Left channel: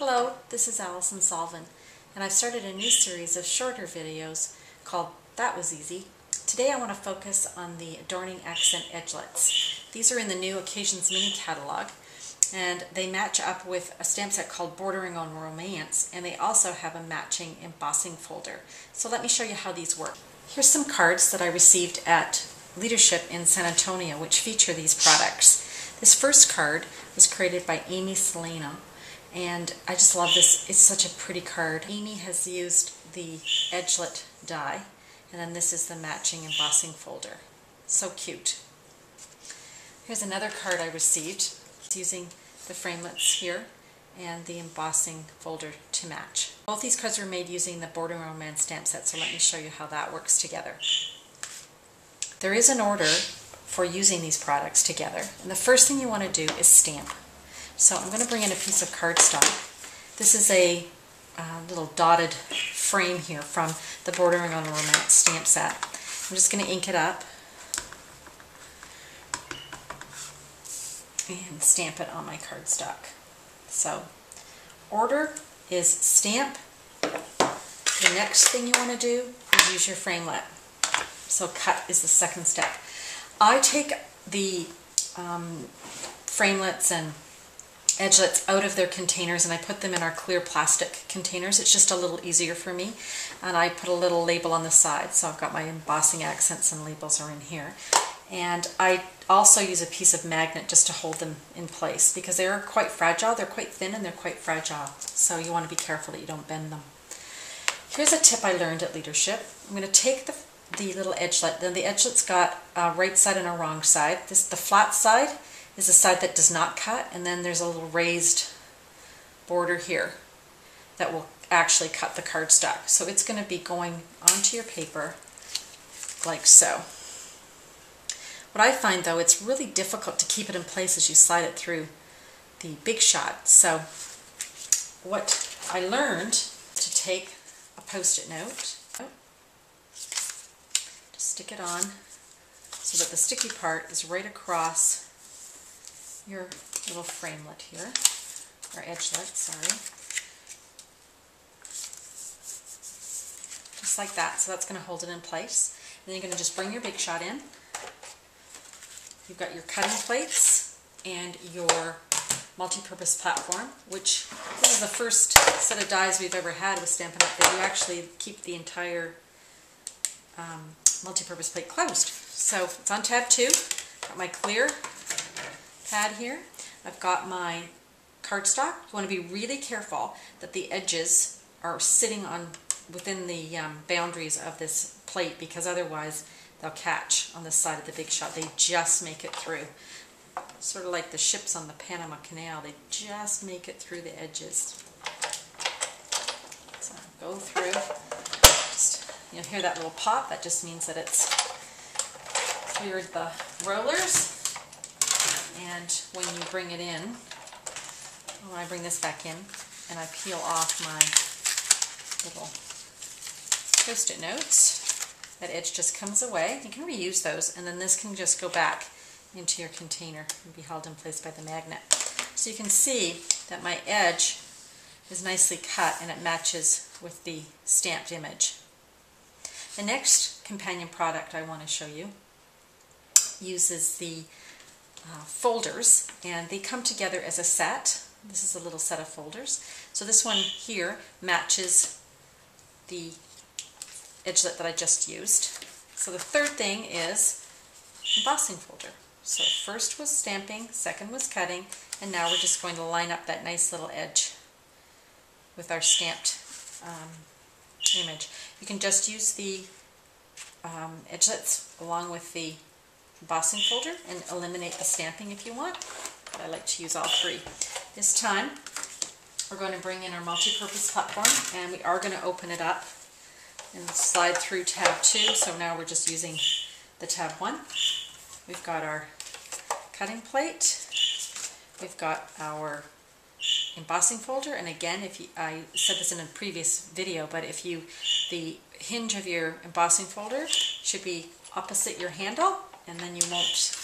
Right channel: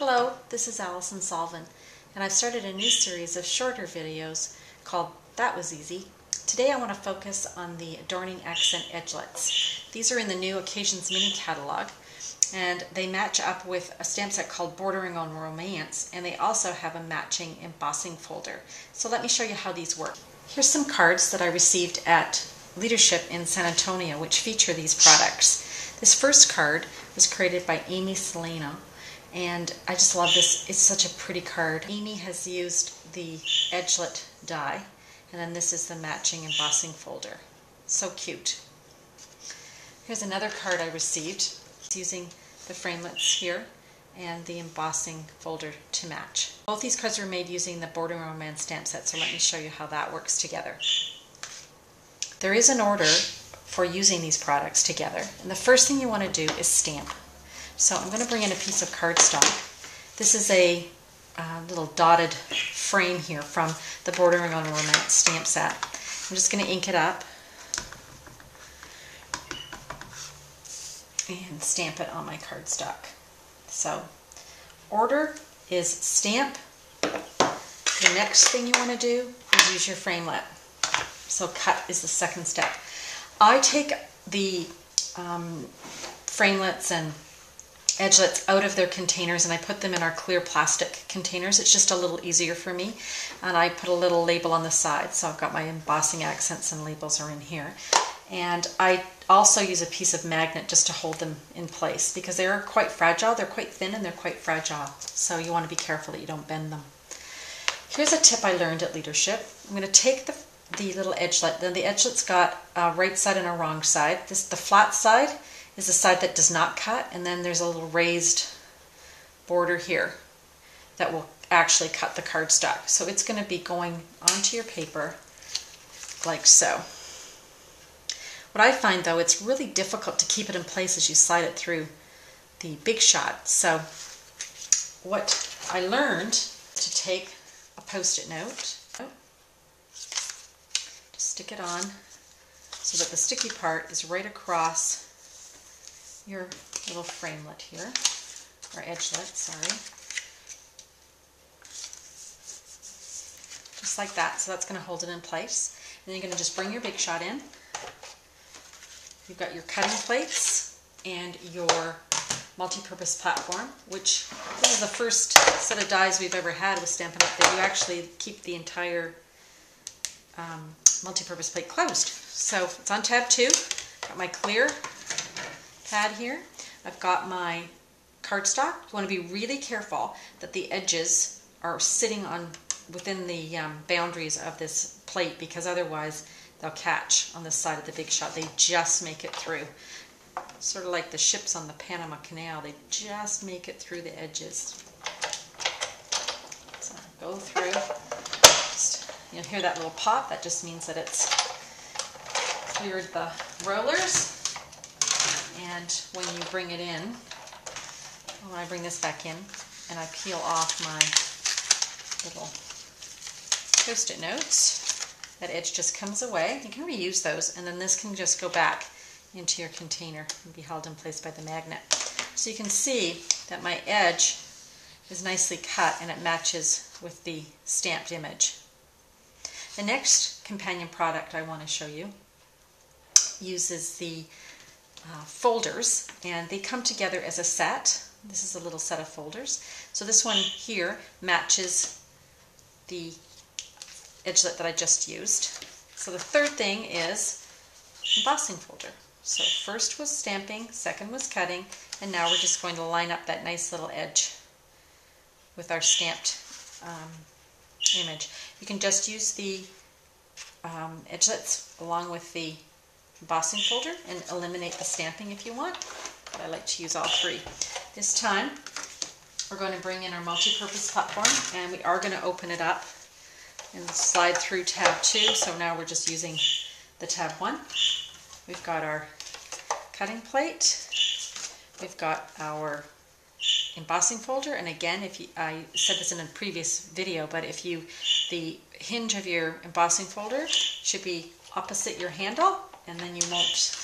Hello, this is Allison Solvin, and I've started a new series of shorter videos called That Was Easy. Today I want to focus on the Adorning Accent Edgelets. These are in the new Occasions mini catalog, and they match up with a stamp set called Bordering on Romance, and they also have a matching embossing folder. So let me show you how these work. Here's some cards that I received at Leadership in San Antonio, which feature these products. This first card was created by Amy Selena, and I just love this. It's such a pretty card. Amy has used the edgelit die, and then this is the matching embossing folder. So cute. Here's another card I received. It's using the framelits here and the embossing folder to match. Both these cards were made using the Bordering Romance stamp set, so let me show you how that works together. There is an order for using these products together, and the first thing you want to do is stamp. So I'm going to bring in a piece of cardstock. This is a little dotted frame here from the Bordering on Romance stamp set. I'm just going to ink it up and stamp it on my cardstock. So order is stamp. The next thing you want to do is use your framelit. So cut is the second step. I take the framelits and edgelets out of their containers and I put them in our clear plastic containers. It's just a little easier for me, and I put a little label on the side, so I've got my embossing accents and labels are in here. And I also use a piece of magnet just to hold them in place because they are quite fragile. They're quite thin and they're quite fragile, so you want to be careful that you don't bend them. Here's a tip I learned at Leadership. I'm going to take the little edgelet. Then the edgelet's got a right side and a wrong side. The flat side is the side that does not cut, and then there's a little raised border here that will actually cut the cardstock. So it's going to be going onto your paper like so. What I find though, it's really difficult to keep it in place as you slide it through the Big Shot. So what I learned to take a Post-it note, stick it on so that the sticky part is right across your little framelit here, or edgelet, sorry. Just like that, so that's going to hold it in place. And then you're going to just bring your Big Shot in. You've got your cutting plates and your multi-purpose platform, which this is the first set of dies we've ever had with Stampin' Up that you actually keep the entire multi-purpose plate closed. So it's on tab 2. Got my clear pad here. I've got my cardstock. You want to be really careful that the edges are sitting within the boundaries of this plate, because otherwise they'll catch on the side of the Big Shot. They just make it through. Sort of like the ships on the Panama Canal. They just make it through the edges. So go through. You'll hear that little pop. That just means that it's cleared the rollers. And when you bring it in, when I bring this back in and I peel off my little Post-it notes, that edge just comes away. You can reuse those, and then this can just go back into your container and be held in place by the magnet. So you can see that my edge is nicely cut and it matches with the stamped image. The next companion product I want to show you uses the folders, and they come together as a set. This is a little set of folders. So this one here matches the edgelet that I just used. So the third thing is embossing folder. So first was stamping, second was cutting, and now we're just going to line up that nice little edge with our stamped image. You can just use the edgelets along with the embossing folder and eliminate the stamping if you want, but I like to use all three. This time we're going to bring in our multi-purpose platform, and we are going to open it up and slide through tab 2. So now we're just using the tab 1. We've got our cutting plate, we've got our embossing folder, and again, I said this in a previous video, but the hinge of your embossing folder should be opposite your handle, and then you won't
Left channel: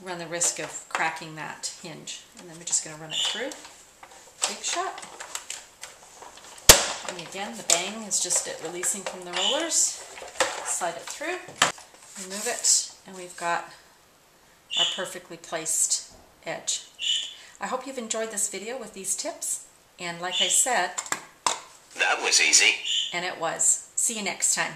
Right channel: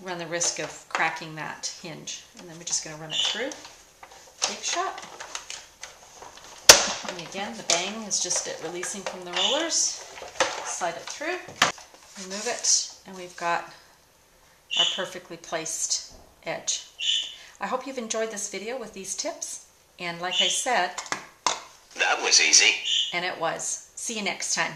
run the risk of cracking that hinge. And then we're just going to run it through. big shot. And again, the bang is just it releasing from the rollers. Slide it through, remove it, and we've got our perfectly placed edge. I hope you've enjoyed this video with these tips, and like I said, that was easy. And it was. See you next time.